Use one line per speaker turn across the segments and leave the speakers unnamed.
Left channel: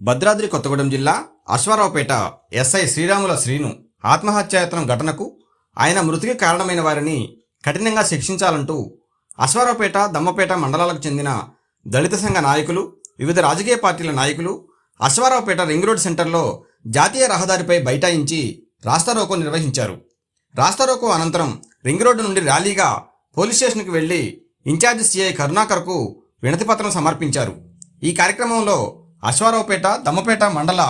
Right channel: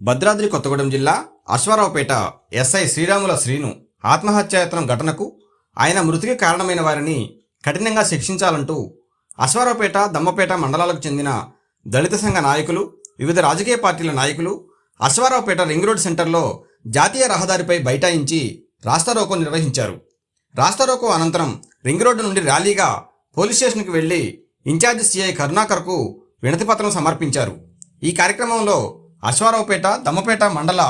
భద్రాద్రి కొత్తగూడెం జిల్లా అశ్వారావుపేట ఎస్ఐ శ్రీరాముల శ్రీను ఆత్మహత్యాయత్నం ఘటనకు ఆయన మృతికి కారణమైన వారిని కఠినంగా శిక్షించాలంటూ అశ్వారావుపేట దమ్మపేట మండలాలకు చెందిన దళిత సంఘ నాయకులు వివిధ రాజకీయ పార్టీల నాయకులు అశ్వారావుపేట రింగ్ రోడ్ సెంటర్లో జాతీయ రహదారిపై బైఠాయించి రాస్తారోకో నిర్వహించారు. రాస్తారోకో అనంతరం రింగ్ రోడ్డు నుండి ర్యాలీగా పోలీస్ స్టేషన్కి వెళ్ళి ఇన్ఛార్జ్ సిఐ కరుణాకర్కు వినతిపత్రం సమర్పించారు. ఈ కార్యక్రమంలో అశ్వారావుపేట దమ్మపేట మండల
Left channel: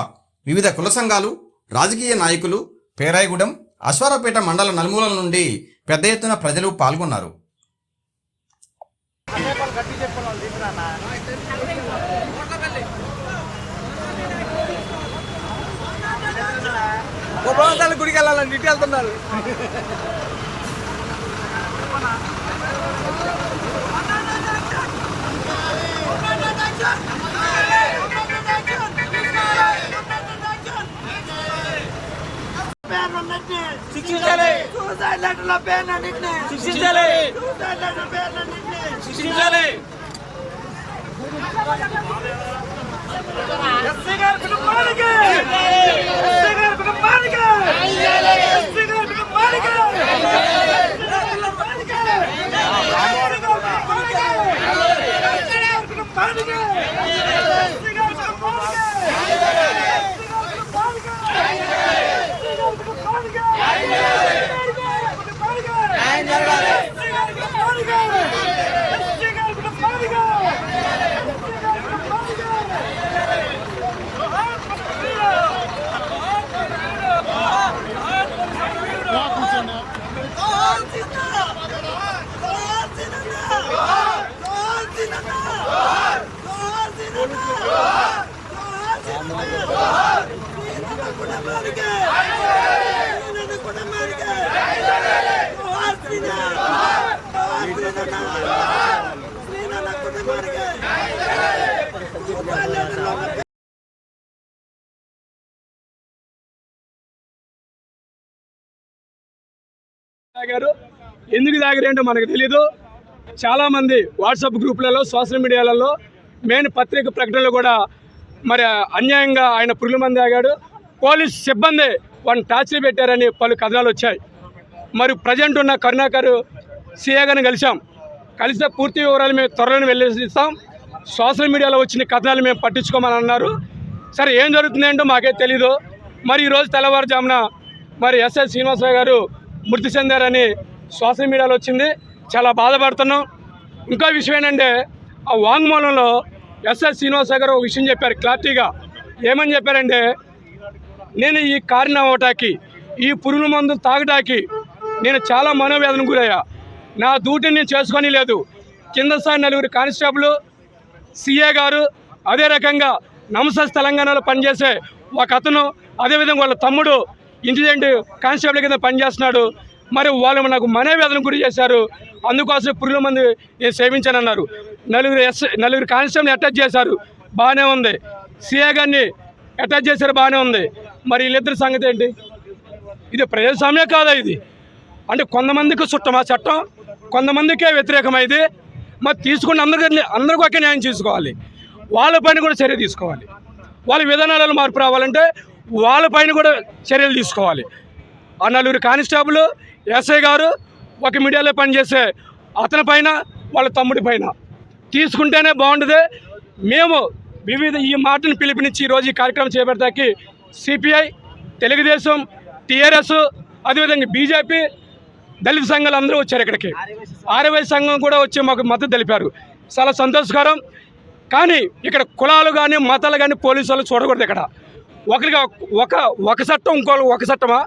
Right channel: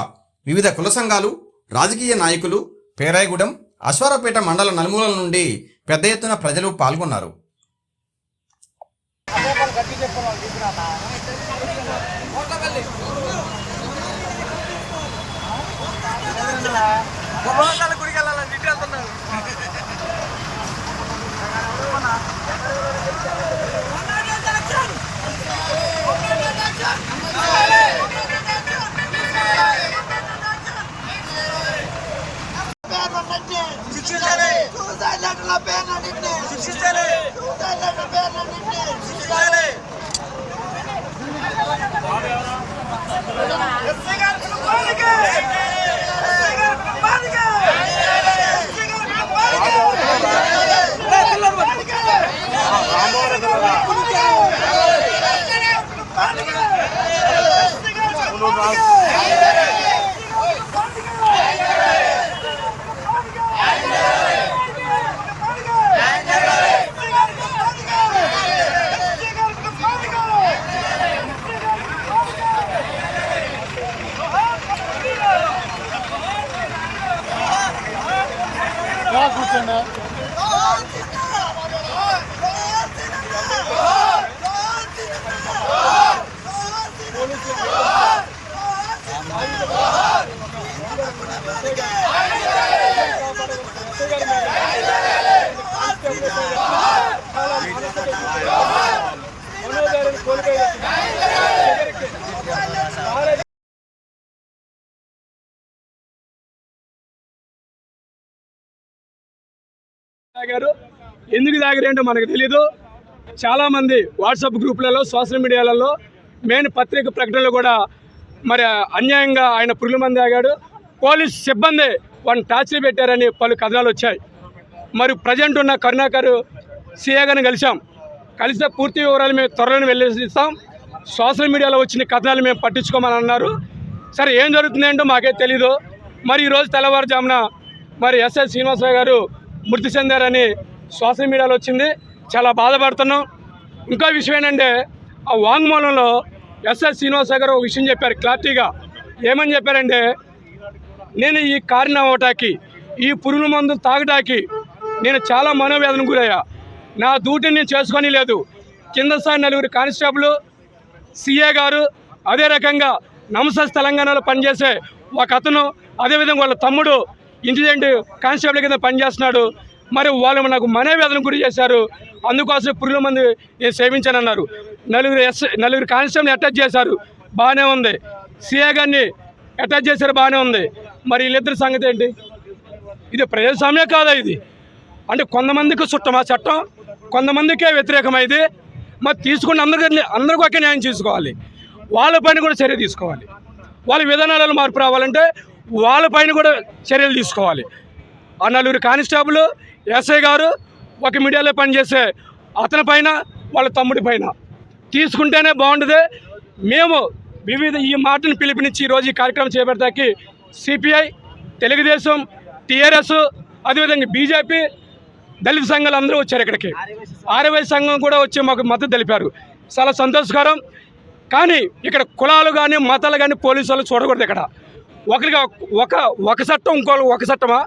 వివిధ కుల సంఘాలు రాజకీయ నాయకులు పేరాయగూడెం అశ్వారావుపేట మండల నలుమూలల నుండి పెద్ద ఎత్తున ప్రజలు పాల్గొన్నారు
గుడికి వెళ్ళాలని ఇటు వెళ్తున్నారు శిక్షించాలి. శిక్షించాలి. శిక్షించాలి గారి కుటుంబానికి ఎస్సీ గారి కుటుంబానికి. ఎస్సీ గారి కుటుంబానికి. ఎస్సీ గారి కుటుంబానికి. ఎస్సీ గారి కుటుంబానికి. ఎస్సీ గారి కుటుంబానికి. জন্য।
తాగారు ఎందుకు తాగారేంటో మనకు తెలీదు. చాలామంది వాట్సాప్ గ్రూపులలో సోషల్ మీడియాలలో మెయిన్ పత్రిక ప్రకటనలు కూడా మరి అన్యాయంగా ఆయన పురుగుల మంది తాగాడు పోలీస్ సిబ్బంది వాడిని టార్చర్ పెట్టారని పలు కథనాలు వచ్చాయి. మరి ప్రజెంట్ ఉన్న కరుణాకర్ సీఏగాని కలిసాం కలిస్తే పూర్తి వివరాలు మేము త్వరలో వెళ్ళేస్తాం సోషల్ మీడియాలో వచ్చిన కథనాలు మేము పట్టించుకోమని అన్నారు. సరే ఏం జరుగుతుందేంటో మాకే తెలీదు. మరి ఈరోజు తెల్లవారుజామున మరి ఎస్ఎస్ శ్రీనివాసరావు గారు మృతి చెందారని సోషల్ మీడియాలో వచ్చింది. చాలా బాధపడుతున్నాం. ఇంకో విషయం ఏంటంటే ఆ వాంగ్మూలంలో ఎస్ఎస్ శ్రీనివాస గారు ఒక విషయం చెప్పారు క్లారిటీగా. ఏమని చెప్పారంటే నేను ఈ కారణం అవ్వటానికి ఈ పురుగుల మందు తాగటానికి నేను చాలా మనోవేదన గురయ్యా. నా డ్యూటీని నేను చేసుకొని లేదు. కింద స్థాయి నలుగురు కానిస్టేబుల్ సీఏ గారు అదే రకంగా నమసస్ తెలంగాణలో పనిచేసే ఒక అతను అదేవిధంగా వాళ్ళ తమ్ముడు ఇంటెలిజెంట్ కానిస్టేబుల్ కింద పనిచేస్తున్నాడు. మరి వాళ్ళు నాకు మనోవేదన గురి చేశారు. అందుకోసం పురుగుల మంది నేను సేవించానన్నారు. నలుగురు ఎస్ నలుగురు కానిస్టేబుల్ని అటాచ్ చేశారు. బాగానే ఉంది. సీఏ గారిని అటాచ్ చేశారు బాగానే ఉంది. మరి వీళ్ళిద్దరి సంగతి ఏంటి? ఇది ప్రజాస్వామ్యం కాదా ఇది? అంటే కొంతమందికి చుట్టం ఆ చట్టం కొంతమందికే వ్యతిరేకమైంది. మరి తీసుకున్న అందరికీ అందరికీ ఒకే న్యాయం తీసుకోవాలి వాళ్ళపైన కూడా చర్య తీసుకోవాలి. వాళ్ళ విధానాలలో మార్పు రావాలంటే వాళ్ళపైన కూడా చర్యలు తీసుకోవాలి. ఆ నలుగురు కానిస్టేబుల్ ఎస్ఐ గారు ఒక మీడియాలో పనిచేసే అతని పైన వాళ్ళ తమ్ముడి పైన. తీసుకుంటేనే బాగుంటుంది మేము వివిధ ఈ మాటను పిలిపినిచ్చి ఈరోజు ఈ కార్యక్రమం చేపడతాకి సిపిఐ తెలుగుదేశం టీఆర్ఎస్ అదేవిధంగా బీజేపీ దళిత సంఘాలు అందరూ వచ్చారు ఇక్కడికి. ఆర్యవై సంఘం కూడా వచ్చి మాకు మద్దతు తెలిపారు. చాలా సంతోషకరం. కానీ ఇక్కడ కులాలు కానీ మతాలు కానీ పోలీసు వాళ్ళు చూడకూడదు ఇక్కడ. ఒకరిగా ఒక ఒక చట్టం ఇంకో ఒక చట్టమా?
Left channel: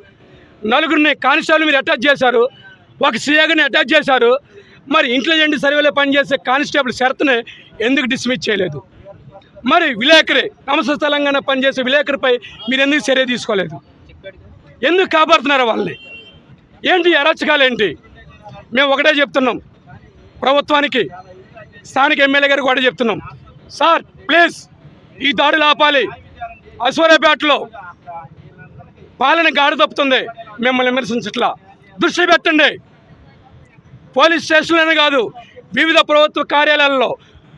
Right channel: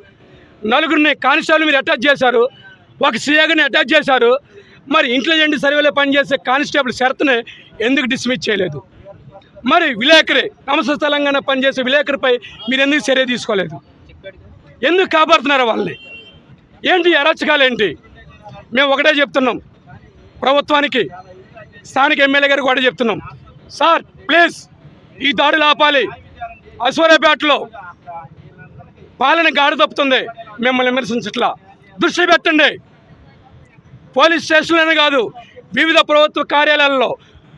నలుగురిని కానిస్టేబుల్ మీరు అటాచ్ చేశారు. ఒక సీఏని అటాచ్ చేశారు. మరి ఇంటెలిజెంట్ సర్వేలో పనిచేసే కానిస్టేబుల్ షరత్ని ఎందుకు డిస్మిస్ చేయలేదు? మరి విలేకరి నమస్త తెలంగాణ పనిచేసే విలేకరిపై మీరు ఎందుకు చర్య తీసుకోలేదు? ఎందుకు కాపాడుతున్నారు వాళ్ళని? ఏంటి ఈ అరాచకాలు ఏంటి మేము ఒకటే చెప్తున్నాం. ప్రభుత్వానికి స్థానిక ఎమ్మెల్యే గారికి కూడా చెప్తున్నాం. సార్ ప్లీజ్ ఈ దాడులు ఆపాలి. అశ్వర్యపేటలో పాలన గాడి తప్పుతుంది మిమ్మల్ని విమర్శించట్లా దృష్టి పెట్టండి. పోలీస్ స్టేషన్లోనే కాదు వివిధ ప్రభుత్వ కార్యాలయాల్లో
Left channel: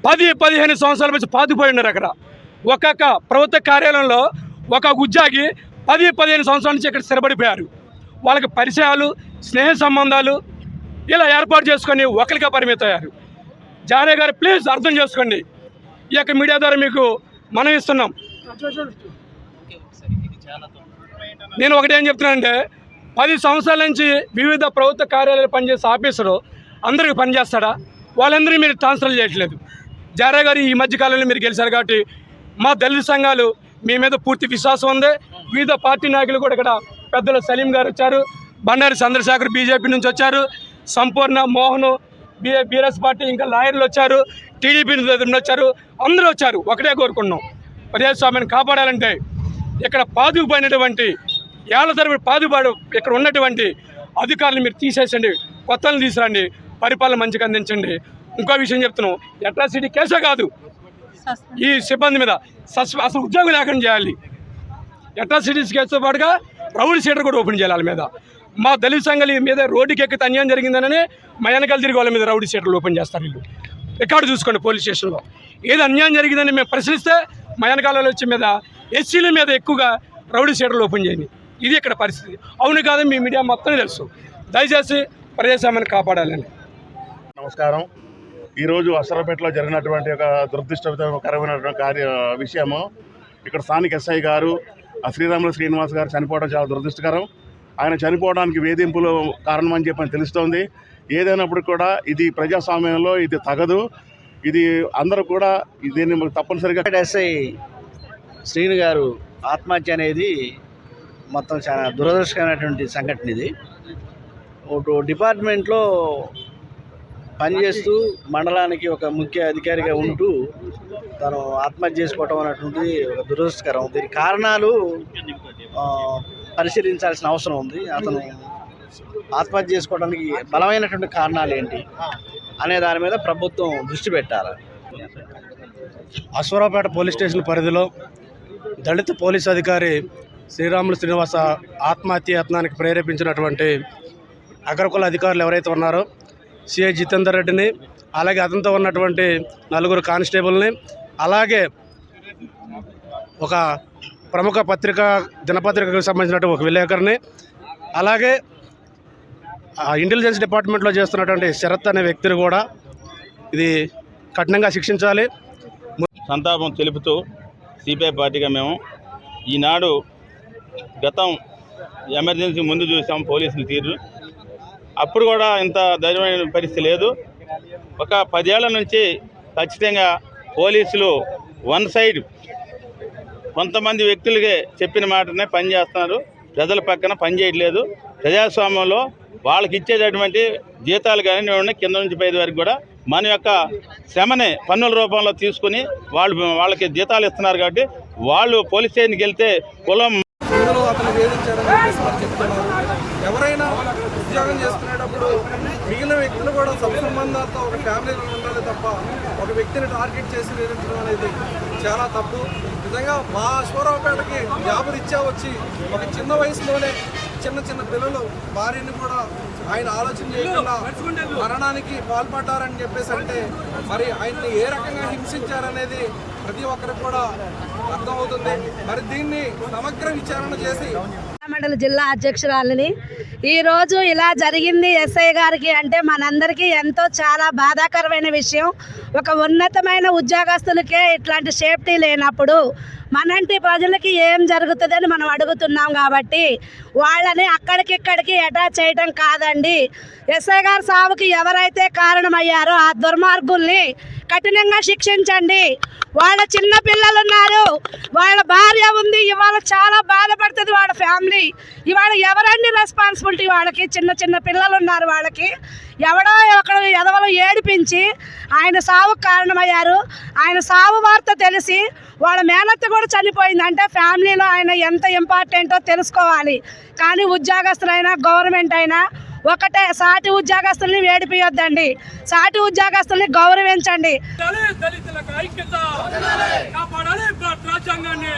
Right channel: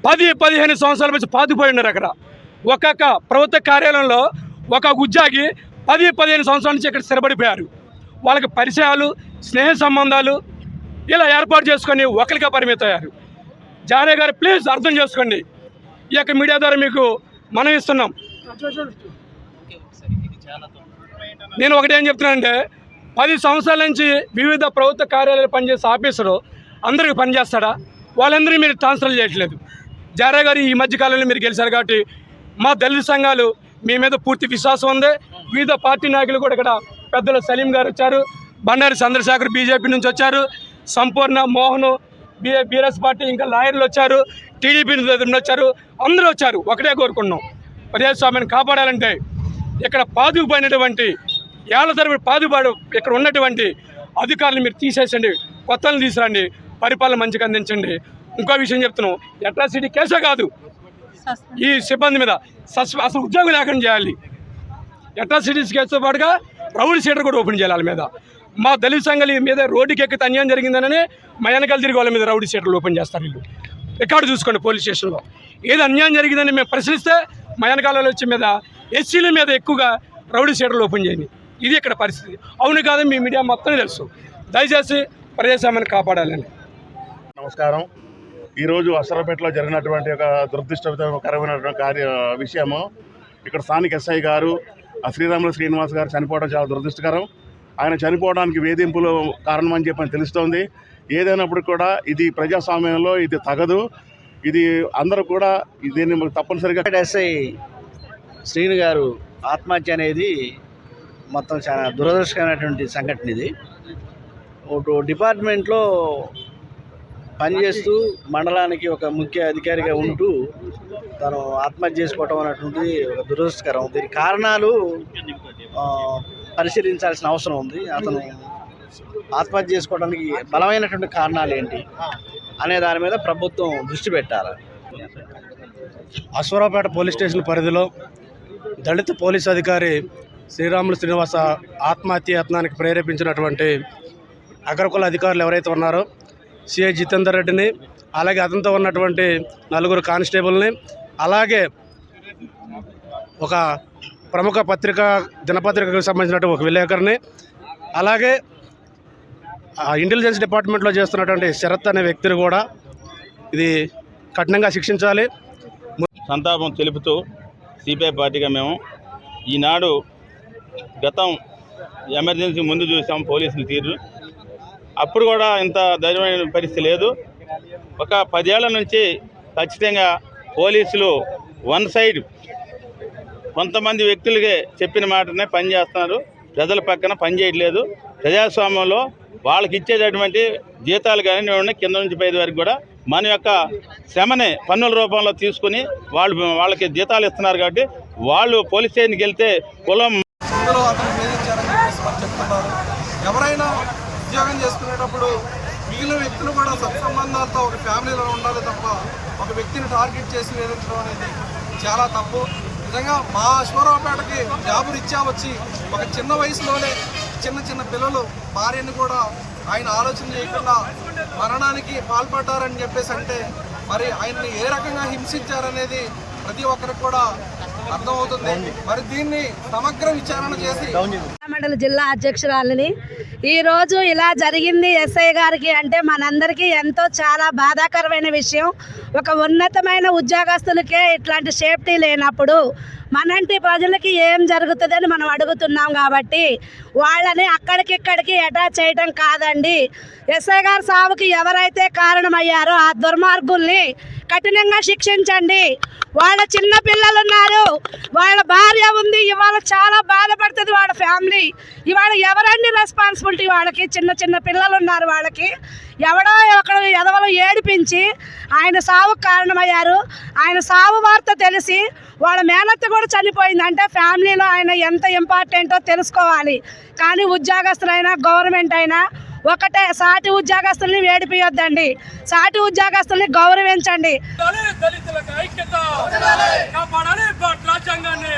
పది పదిహేను సంవత్సరాల నుంచి పాతిపోయి ఉన్నారు అక్కడ. ఒక్కొక్క ప్రభుత్వ కార్యాలయంలో ఒక ఉద్యోగి పది పదిహేను సంవత్సరాల నుంచి ఇక్కడ స్థిరపడిపోయారు. వాళ్ళకి పరిచయాలు స్నేహ సంబంధాలు ఇలా ఏర్పాటు చేసుకొని ఒకరిగా పరిమితయ్యారు జానే గారు ప్లీజ్ అర్థం చేసుకోండి. ఈ యొక్క మీడియా ద్వారా మీకు మనం ఇస్తున్నాం. నేను ఒకటి ఏం చెప్తున్నానంటే పది సంవత్సరాల నుంచి వివిధ ప్రభుత్వ కార్యాలయాలు పనిచేసే ఆఫీసరు అందరికి పనిచేస్తాడా వాళ్ళందరినీ మీరు ట్రాన్స్ఫర్ చేయట్లేదు. జారా గారు ఈ మధ్య కాలంలో మీరు గెలిచారు కాబట్టి మా దళిత సంఘాలు మీ మీద పూర్తి విశ్వాసం ఉంది. వివిధ పార్టీ నాయకులు కూడా ఇక్కడ పెద్దలు సలీం గారు వచ్చారు బండారి చంద్రశేఖర్ బీజేపీ నుంచి వచ్చారు సంపూర్ణ మోహన్ బీ బీఆర్ఎస్ పార్టీ ఇంకా లాయర్లు వచ్చారు టీడీపీ నుంచి వచ్చారు అందరూ వచ్చారు. ఒకటే కోరుకున్నాం ప్రజాస్వామ్యాన్ని కాపాడాలంటే ఇక్కడ పాదుకుపోయినటువంటి ఏళ్ళ తరబడి పాదుపాడు ఇక్కడ ఉన్నటువంటి అధికారులు మీరు తీసేసండి కొత్తలను తీసుకురండి పరిపాలన మంచిగా అందించండి. ఇంకో విషయం చెప్తున్నాం అట్రాసిటీ కేసే కాదు. ఈ సిబ్బంది మీద సస్ అసలు ఉద్యోగం లేకుండా చేయాలి. అట్రాసిటీస్ కేసుతో పాటుగా రౌడీ సీటర్ కూడా ఓపెన్ చేయాలి వాళ్ళ మీద. మా దళిత సంఘాలు మీద రోడ్డుకి ఎక్కితే అన్యాయం జరిగిందనే మా వెనకాల తిరిగి వాళ్ళ మీద రౌడీ సీటర్లు ఓపెన్ చేస్తారు వీళ్ళు. రికార్డు చూసుకోండి పోలీస్ స్టేషన్లో. ఏది అన్యాయం జరిగిందని మేము ప్రశ్నిస్తే మయానకాలలో వచ్చే మీద ఎస్సీల మీద ఎక్కువగా రౌడీ షీటర్లు ఓపెన్ చేయండి ఇది ఇక్కడ పరిస్థితి. అవును కాదు మీ మీడియా మొత్తం తెలుసు. దయచేసి ప్రజాస్వామ్యాన్ని కాపాడాలని.
నమస్కారం. ఈరోజు అసరపేటలో జరిగినటువంటి ఒక దురదృష్టకరమైనటువంటి కార్య విషయము. ఇక్కడ స్థానిక ఎస్ఐ గారు ఆ శ్రీరాములు శ్రీనివాస్ గారు చనిపోవడం చాలా దురదృష్టకరం. ఆయన చనిపోవడానికి వేధింపులు కారణం అని చెప్పని తెలుస్తోంది. ఏదైనప్పుడు కూడా ఇది ప్రజాస్వామ్యంలో ఇది తగదు. ఇది అందరూ కూడా దీన్ని తప్పనిసరిగా
ఎస్ఐ శ్రీను గారు ఆత్మహత్య అనేది మొత్తం చాలా దురదృష్టకరమైనటువంటి సంఘటన ఇది. ఒక డిపార్ట్మెంట్లో పనిచేస్తూ మండలానికి ఒక ముఖ్య అధికారిగా ఉంటూ తను ఆత్మహత్య చేసుకోవటం అనేటువంటిది ఒక దురదృష్టకరం. దీని కారణాలు పరిశీలించాల్సిన అవసరం ఉంది. అతను ఆత్మహత్య చేసుకోవడానికి బలమైనటువంటి కారణాలు ఏంటి? అనే దాని మీద ప్రభుత్వం దృష్టి పెట్టాలి.
అశ్వరావుపేట పోలీస్ స్టేషన్ పరిధిలో దళిత పోలీస్ అధికారి శ్రీరాములు శ్రీనివాస ఆత్మహత్య యత్నానికి ప్రేరేపించినటువంటి అగ్రకుల అధికారులు ఎవరైతే ఉన్నారో సిఐ జితేందర్ రెడ్డిని అలాగే అతనితో ఉన్నటువంటి నలుగురు కానిస్టేబుల్ని అలాగే ఒక ప్రముఖ పత్రిక దినపత్రికకు సంబంధించినటువంటి ఒక విలేకరిని అలాగే ఆ ఇంటెలిజెన్స్ డిపార్ట్మెంట్లో చేస్తున్నటువంటి శరత్ అనే వ్యక్తిని కూడా ఇది కఠినంగా శిక్షించాలి.
సంతాపం తెలుపుతూ సిపిఐ పార్టీగా మేము ఈనాడు గతం ఎమర్జెన్సీ ముందు చూసాం పోలీసులు తీరు. అప్పుడు కూడా ఇంత ధైర్యమైన పరిస్థితి లేదు. ఒక పదేళ్ళ నుంచి ఖచ్చితంగా పోలీసులు వన్ సైడ్ కొంతమంది వ్యక్తులకే చెప్పిన మాటనే పనిచేస్తున్నారు ప్రజల పక్కన పనిచేయట్లేదు ప్రజాస్వామ్యంలో వాళ్ళకి ఇచ్చేటటువంటి జీతాలు కానీ కింద నుంచి పైది వరకు కూడా మన యొక్క శ్రమని పన్నుల రూపంలో తీసుకుని వాళ్ళు వాళ్ళకి జీతాలు ఇస్తున్నారు కాబట్టి వాళ్ళు పోలీస్ స్టేషన్కి వెళ్తే కులం
ఇందులో అతను వేధించారని చెప్పేసి చెప్తున్నారు. ఎవరైనా ఉద్యోగం చేసుకునేటప్పుడు మిగిలిన వ్యక్తులు కూడా సత్సంబంధాలతో ఒక ఫ్యామిలీలో ఉండాలి తప్ప ఒక వ్యక్తిని టార్గెట్ చేసి వేధించడం అనేది చాలా తప్పు. నిజంగా మా అశ్వరావుపేటకి జాబు రీత్యా వచ్చి ఒక చిన్న వయసులోనే చిన్న చిన్న పిల్లలు భార్యని కూడా ఆయన ఆలోచన చేయకుండా మరణానికి పాల్పడ్డారని చెప్పేసి అంటే మరి ఆయన్ని ఏ రకంగా హింసించారనేది ప్రతి ఒక్కరికి కూడా అర్థమవుతుంది. మరి దీన్ని సమగ్ర విచారణ చేసి
మండల జిల్లా అధ్యక్షురాలిని ఈరోజు ఇలా జరిగింది ఎస్ఐ గారికి అంటే మనందరికీ ఎంతో చాలా బాధాకరమైన విషయం. ఒక ఉన్నతమైన ఉద్యోగస్తులకే ఇట్లాంటి సేఫ్టీ లేనప్పుడు మనంటి ప్రజలకి ఏం జరుగుతుందని మనం అడుగుతున్నాం కాబట్టి వాళ్ళని అక్కడికిక్కడికి అటాచ్ చేయడం కాదండి. ఎస్ఐ గారు సావుకి ఎవరైతే కారణమయ్యారో ఆ దుర్మార్గుల్ని కఠినంగా శిక్షించండి. వాళ్ళ చిన్న పిల్లలు ఉన్నారు వాళ్ళ భార్య ఉంది ఇవాళ చాలా బాధపడుతుంది వాళ్ళ ఫ్యామిలీ. ఇవాళ ఎవరండి రెస్పాన్సిబిలిటీ వాళ్ళకి? చిన్న చిన్న పిల్లలు ఉన్నారు వాళ్ళకి. ఎవడో ఒకడు ఎదవలో ఏడిపించి ఆయన సావుకు కారణమయ్యారు. ఆయన సావు వార్త తెలిసి వాళ్ళ మేనత్త కూడా చనిపోయింది. అంటే ఫ్యామిలీలో ఆయన ఎంత ఇంపార్టెంటో తెలుసుకోవాలి. కానీ ఉద్యోగస్తులైనా గవర్నమెంట్ అయినా ఒకటే సాటి ఉద్యోగస్తుల్ని వేడిపియొద్దండి. సాటి ఉద్యోగస్తుల్ని గౌరవించండి.
రాజ్యాంగాన్ని.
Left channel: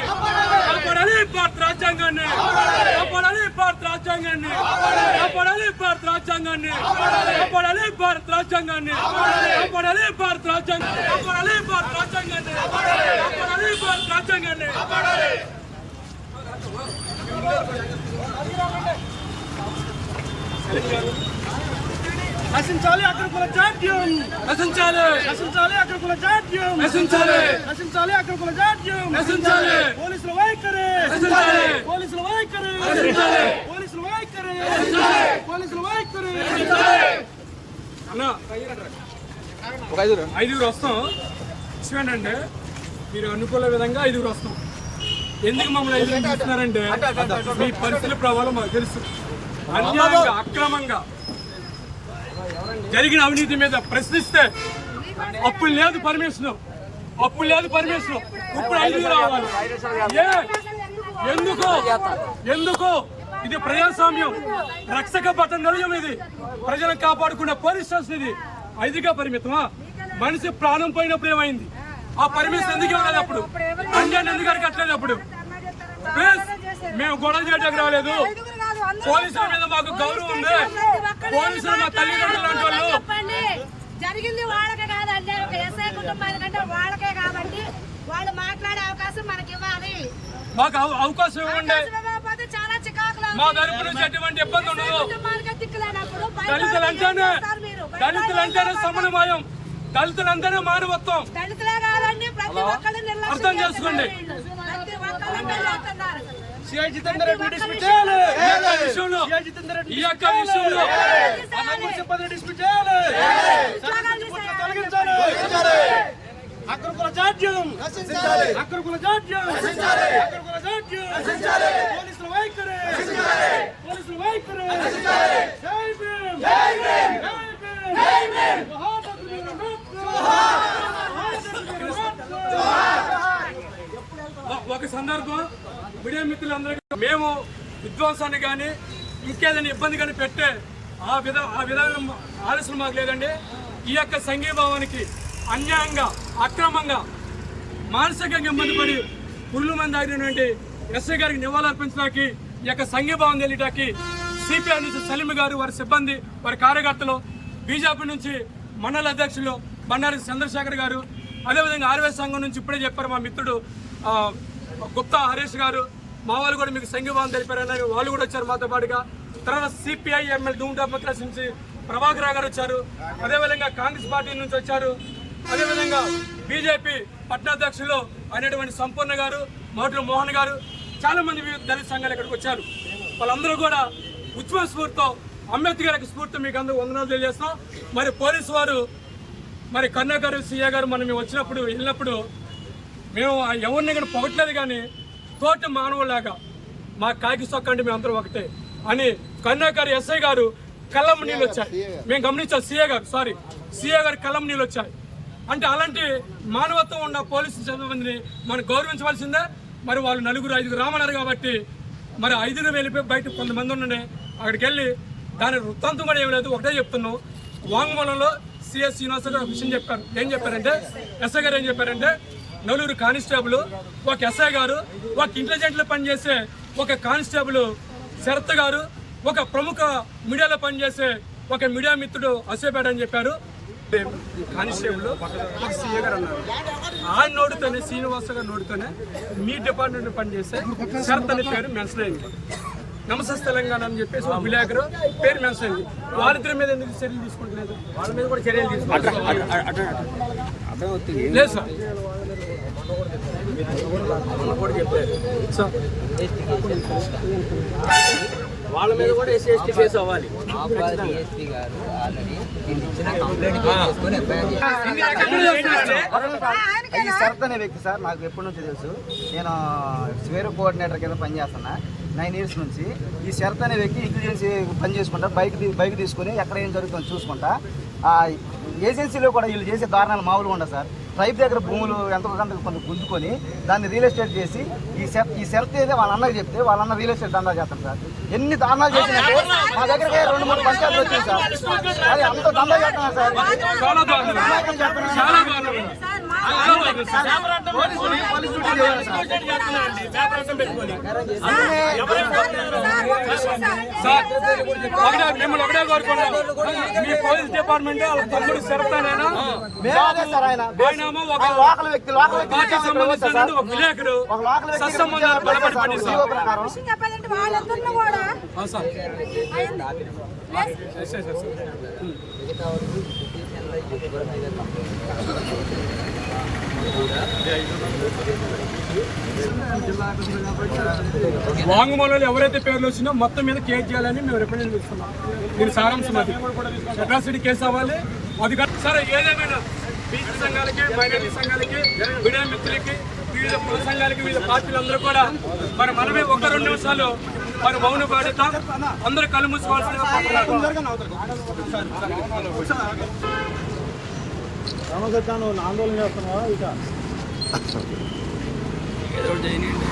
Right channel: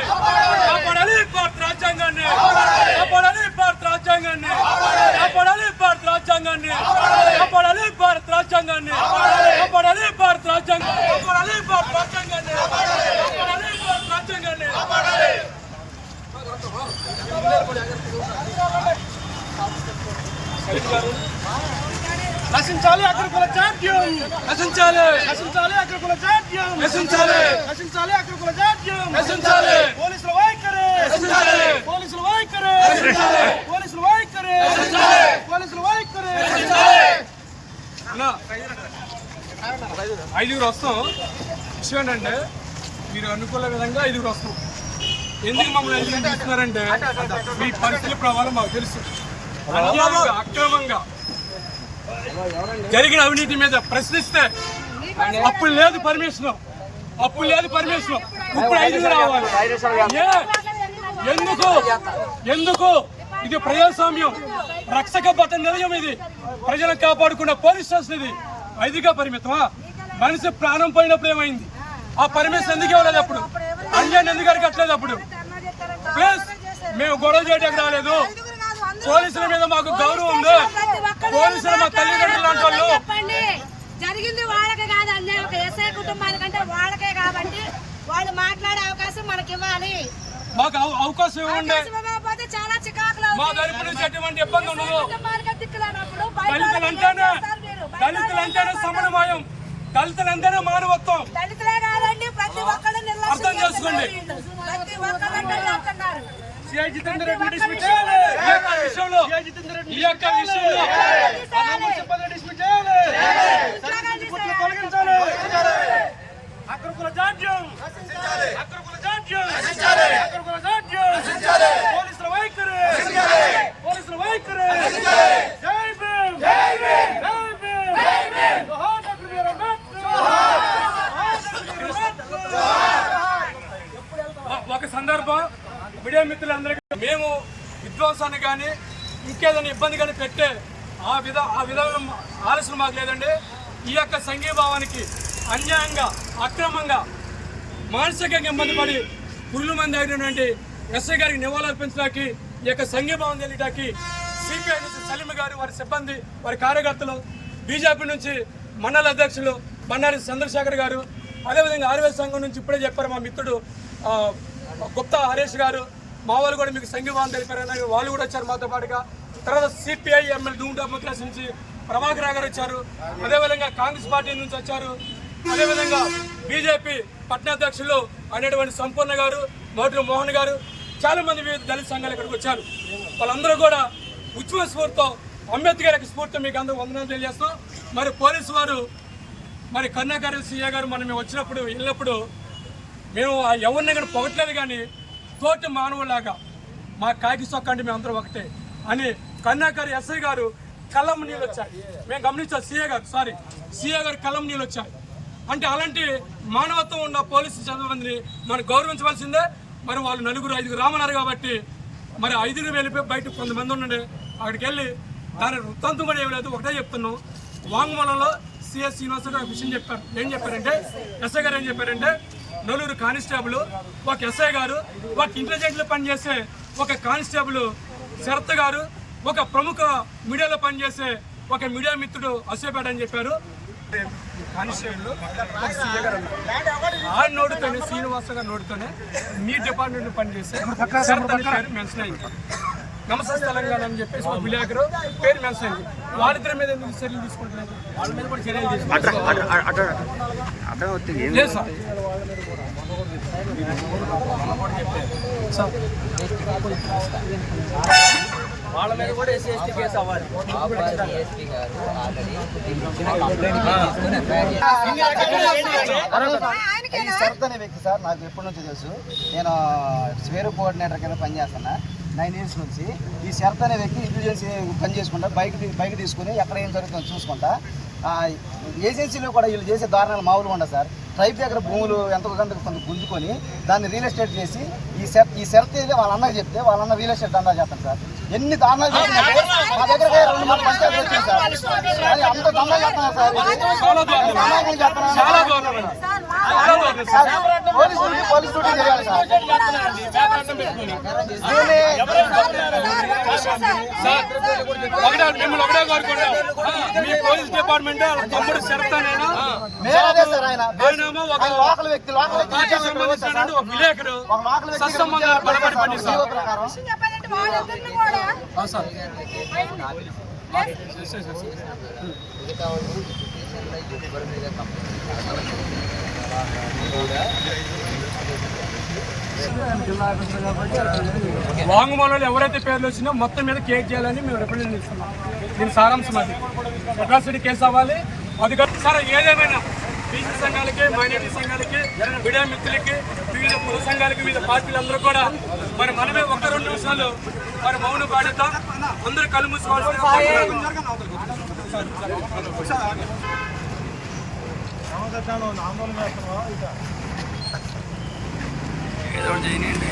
నశించాలి అగ్రకుల జాడ్యం. నశించాలి. నశించాలి అగ్రకుల జాడ్యం. నశించాలి. నశించాలి అగ్రకుల జాడ్యం. నశించాలి. పోలీసుల వైఖరి. నశించాలి. పోలీసుల వైఖరి. నశించాలి. పోలీసుల వైఖరి. నశించాలి. పోలీసుల వైఖరి. అన్నా ఐదుగురు వస్తాం. విషయం ఏంటంటే మీరు అనుకున్న విధంగా ఐదుగురు వస్తాం. ఎందుకు మమ్మల్ని ఐదుగురు చూస్తున్నారంటే మీ పరిస్థితుల ప్రభావం మాకు తెలుసు. అన్యాయంగా అక్రమంగా జరిగిన అవినీతి మీద ప్రశ్నిస్తే అప్పు లేదు పర్మిషన్. అప్పు లేదు పర్మిషన్. ఇప్పుడు ఐదుగురు రావాలి. ఏ? ఎందుకు? ఎందుకు? ఇది ప్రజాస్వామ్యం. రక్షక భట నిలయం ఇది. ప్రజలను కాపాడుకున్న పోలీస్ స్టేషన్ ఇది. ఐదుగా పరిమితమా? మనిషి ప్రాణం పోయినప్పుడు ఏమైంది? ఆ పర్మిషన్ ఎందుకు ఇవ్వలేదు అప్పుడు? అంజన్ ఎందుకు అడగట్లేదు అప్పుడు? ప్లీజ్ మేము గొడవ చేయడానికి రాలేదు. పోలీసుల మీద మాకు గౌరవం ఉంది. పోలీసులు మా తల్లిదండ్రులు లాంటి వాళ్ళు.
జరిగింది వాళ్ళకే కాదండి ఒక ఎస్ఐ కుటుంబానికంటే వాళ్ళకే కాబట్టి వాళ్ళు మాట్లాడే అవకాశం మనకి ఇవ్వాలి.
మాకు అవ- అవకాశం ఇవ్వండి.
చాలా చికాకులు
మా. తరపు నుంచి ఎటువంటి ఇబ్బంది ఉండదు. దళితులు అంటేనే దళితులు అంటేనే సమన్వయం. దళితులు అంటేనే మానవత్వం.
దళితులే కాదండి ప్రతి ఒక్కళ్ళు నిర్లక్ష్యం
అర్థం చేసుకోండి.
ప్రతి ఒక్కళ్ళు
విషయంలో ఈ యొక్క విషయంలో. అక్రకుల జాడ్యం. అక్రకుల జాడ్యం. అక్రకుల జాడ్యం. పోలీసుల వైఖరి. పోలీసుల వైఖరి. జై Bhim Jai Bhim Jai Bhim Johar doctor BR Ambedkar Johar. Doctor BR Ambedkar ఒక సందర్భం. మీడియా మిత్రులందరికీ మేము విధ్వంసాన్ని కానీ ఇంకేదైనా ఇబ్బంది కానీ పెట్టే ఆ విధ ఆ విధానం ఆలోచన మాకు లేదండి. ఈ యొక్క సంఘీభావానికి అన్యాయంగా అక్రమంగా మానసికంగా ఇబ్బంది పడి పురుగు మంది ఆగినటువంటి ఎస్ఐ గారికి నివాళులర్పించడానికి ఈ యొక్క సంఘీభావం తెలియటానికి సిపిఐ నుంచి సలీం గారు వారి సిబ్బంది వారి కార్యకర్తలు బీజేపీ నుంచి మండల అధ్యక్షులు బండారి చంద్రశేఖర్ గారు అదేవిధంగా ఆర్వే సంఘం నుంచి ఇప్పుడే చెప్పారు మా మిత్రుడు గుప్తా హరీష్ గారు మా వాళ్ళు కూడా మీకు సంఘీభావం తెలిపారని వాళ్ళు కూడా వచ్చారు మాతో పాటుగా. తర్వాత సిపిఐ ఎమ్మెల్యే డూమ్ డెమోక్రసీ నుంచి ప్రభాకర్ గారు వచ్చారు. అదేవిధంగా కాంగ్రెస్ పార్టీ నుంచి వచ్చారు. అదేవిధంగా బీజేపీ పట్టణాధ్యక్షులు అయినటువంటి సంపూర్ణ గారు మోటూరు మోహన్ గారు చాలా మంది వివిధ దళిత సంఘాలు ఇక్కడికి వచ్చారు. వాళ్ళందరూ కూడా ఉద్యమ స్ఫూర్తితో అంబేద్కర్ యొక్క స్ఫూర్తితో మీకు అందరూ వందనాలు తెలియజేస్తాం మరి పోలీసు వారు మరి కన్నా గారు సీఏ గారు మనం మేము వచ్చినప్పుడు వెళ్ళినప్పుడు మేము ఎవరిని కూడా పొగట్లేదు కానీ తోటి మానవులాగా మా కాకి సొక్క అంటే మేము అందరం ఒకటే అని కన్నా గారు ఎస్ఐ గారు కళ్ళం నీళ్ళు వచ్చాయి. మేము గమనించాం. సీఏ గారు సారీ సీఏ గారు కళ్ళం నీళ్ళు వచ్చాయి. అంటే అలాంటి మానవత్వం ఉన్న పోలీసు సిబ్బందిని మనం గౌరవించవలసిందే. మరి వాళ్ళు నలుగురు ఐదుగురు రామన్నారు కాబట్టి మరి ఐదుగురు వెళ్ళిపోయి బయట కొంతమంది ఉండండి. అక్కడికి వెళ్ళి దాని వృత్తాంతం కూడా ఏమి లేదు. ఒకటే చెప్తున్నాం. వాంగ్మూలంలో సిఎస్ శ్రీనివాసరావు విషయం చెప్పారు. ఏం చెప్పారంటే ఎస్ఐ గారు ఏం చెప్పారంటే నలుగురు కానిస్టేబుల్ ఒక ఎస్ఐ గారు ఒక ఇంటెలిజెంట్లో పనిచేసే ఒక కానిస్టేబుల్ శరత్ గారు ఒక ప్రముఖ మీడియాలో పనిచేసే ఒక మీడియా మిత్రుడు అసేపేట అని చెప్పారు. కానిస్టేబుల్ ఆ నోటితోనే శ్రీనివాస గారు నోటితోనే మీ డిపార్ట్మెంట్ పనిచేసే శరత్ అనే పేరు మెన్షన్ అయింది. నమస్తే తెలంగాణ అని చెప్పేసి ఒక విలేకరు పేరు మెన్షన్ అయింది. వాళ్ళిద్దరి మీద ఎందుకు చర్యలు తీసుకుంటలేదు వాళ్ళ మీద కూడా చర్యలు తీసుకుంటారు లేదు సార్. సార్ వాళ్ళ మీద కూడా ఎస్సీ ఎస్టీ కేసు అవ్వాలి.
శరత్ అనే వ్యక్తి సార్ నాకు ఎప్పటి నుంచి తెలుసు. నేను స్వేర్ కోఆర్డినేటర్ కింద పనిచేస్తున్నా నైన్ ఇయర్స్ నుంచి. ఈ శరత్ అనే వ్యక్తి ఇంటెలిజెన్స్ పని చేసుకుంటా బైక్ బైక్ తీసుకుని ఎక్కడ ఏం జరుగుతుందో చూసుకుంటా. ఏజెన్సీలో కూడా వీళ్ళు చేసే దారుణాలు మామూలుగా ఉండదు సార్ ట్రైబ్ దగ్గర భూములు ఎంతో కొంత కొంత గుంజుకొని దాన్ని రియల్ ఎస్టేట్ చేసి ఈ సెట్ ఈ సెర్త్ ఏదే వాళ్ళ అన్నకి చెప్తే వాళ్ళ అన్న రియల్ ఎస్టేట్ దందా చేస్తాం సార్ ఎన్ని దానాలు చేసినట్టు మా దగ్గర రెండు మూడు పంచాయతీలు వచ్చాయి సార్ అంత దందా సార్
ఒకటే మిమ్మల్ని ఒకటే కోరుకుంటాం మీ పోలీస్ డిపార్ట్మెంట్ వాళ్ళ తమ్ముడు చెప్తానైనా
మేము
ఒక సంబంధించిన ఒక విలేకరు సత్సంబంధాలు బలపడి పండిస్తారు మిగతా
వాళ్ళు ఈ
పిటిషన్లో ఎవరి మీద
ఆ వాంగ్మూలంలో ఎవరైతే పేర్లు వచ్చినా మొత్తం మీద కేసు చేయాలని మేము రిప్రజెంట్ ఇస్తున్నాం దీని సారాంశం అది. అట్రాసిటీ కేసు అవ్వాలి. అది కాదు సరే ఏదేమైనా బీసీ సంఘాలకి మైనార్టీ సంఘాలకి మీడియా మిత్రులకి వివిధ కుల సంఘాలకి వివిధ పార్టీలందరూ కూడా మరి మనమే ఒక రెండు నిమిషాలు మరి మౌన పాడుతాం అందరూ కళ్ళు మూసుకోవాలి
ఏదో ఒకటి చేయనియండి.